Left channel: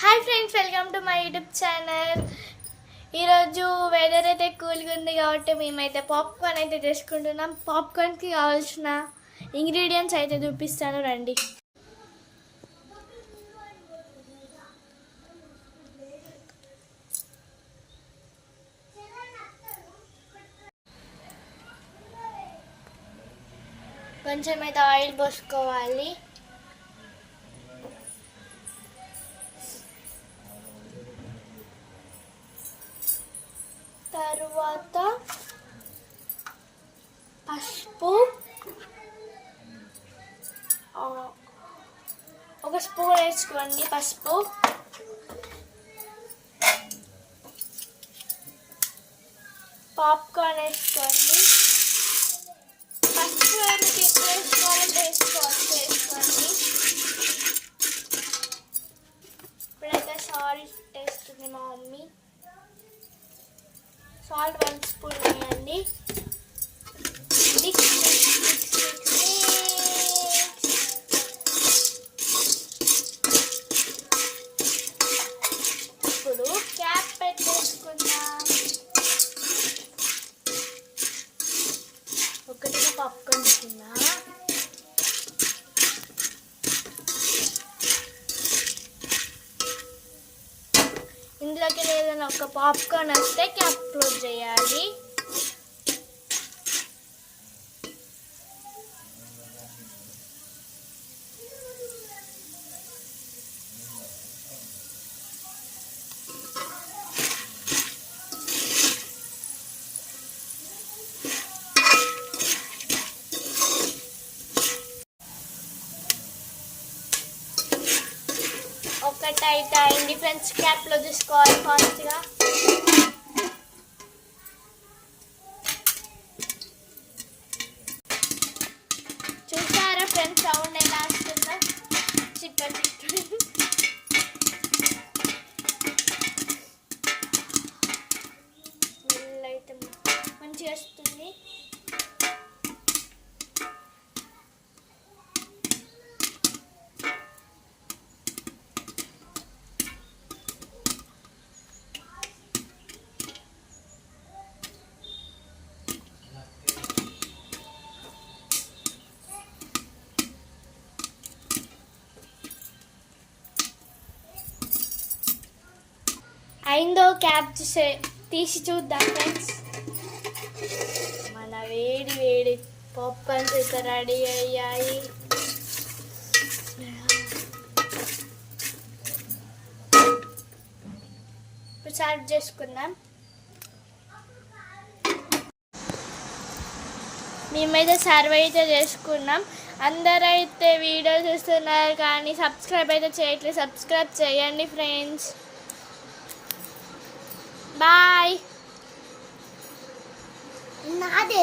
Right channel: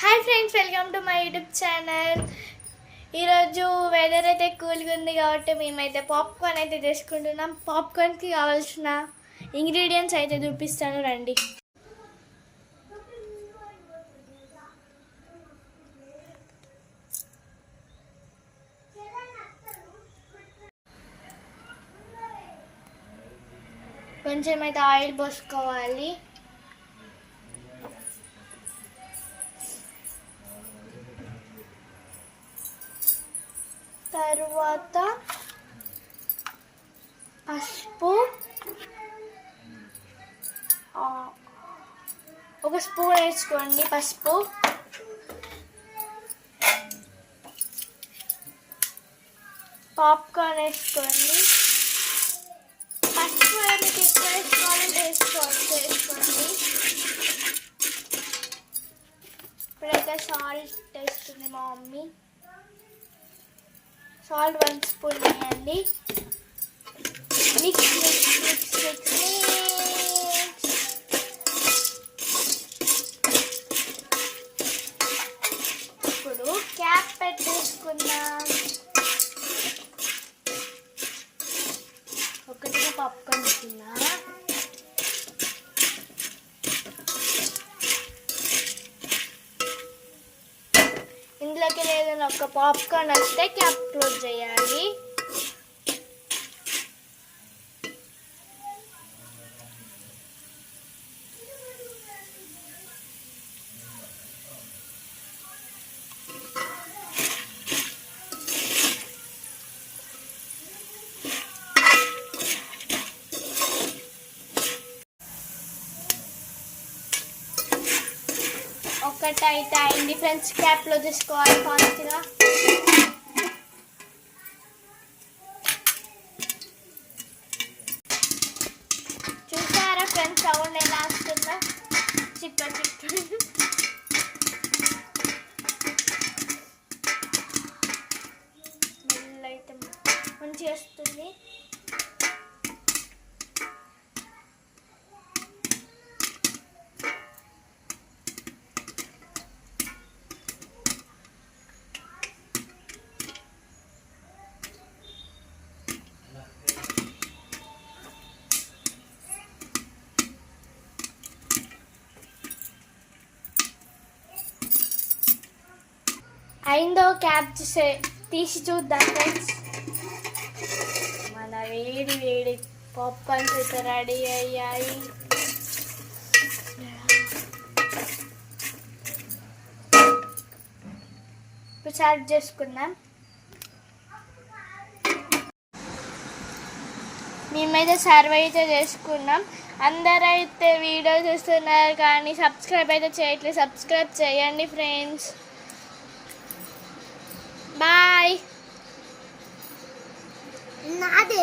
Hi friends, welcome to my YouTube channel. ఈరోజు weather అయితే కూల్గా ఉంది కాబట్టి మేమైతే పాప్కార్న్ అయితే చేసుకుంటున్నాం. పాప్కార్న్కి కావాల్సిన ఇంగ్రీడియంట్స్ అయితే చూపిస్తాను రండి. కొంచెం అయితే ఆయిల్ పోసుకోవాలి. తర్వాత పసుపు ఒక స్పూన్ వేసుకోండి. పసుపు పాప్కార్న్ వేసుకోండి. పసుపు మీకు ఎప్పుడు వేసుకోవాలంటే వేసుకోండి. ఇప్పుడైతే సాల్ట్ వేస్తుంది మా మమ్మీ. సాల్ట్ 1 స్పూన్ వేయండి. మిక్స్ మిక్స్ మిక్స్ మిక్స్ ఇప్పుడు క్యాప్ పెట్టేసుకుందాం. ఒకటిగా పాప్కార్న్ తీసుకున్నా. ఇందులోకి ఏదైనా ఒక పాప్కార్న్ వస్తే క్యాప్ క్లోజ్ చేయాలి. ఒకటైతే అయింది ఫ్రెండ్స్. క్యాప్లో చేసుకోవాలి ఫాస్ట్గా. చూసారా ఫ్రెండ్స్ సౌండ్ ఎలా వస్తుందో? చిప్ప చిప్ప స్మెల్ అయితే మంచిగా వస్తుంది. అయిందో క్యాప్ తీసి చూద్దాం ఫ్రెండ్స్. మన వేడి వేడి పాప్కార్న్స్ అయితే రెడీ అయ్యాయి. ఇప్పుడు సర్వ్ చేసుకుందాం. మేమైతే సర్వ్ అయితే చేసుకున్నాం. అందరైతే వీడియో చూస్తున్నారు కానీ సబ్స్క్రైబ్ అయితే చేయట్లేదు. సబ్స్క్రైబ్ చేయండి ఫ్రెండ్స్. బాయ్. నాదే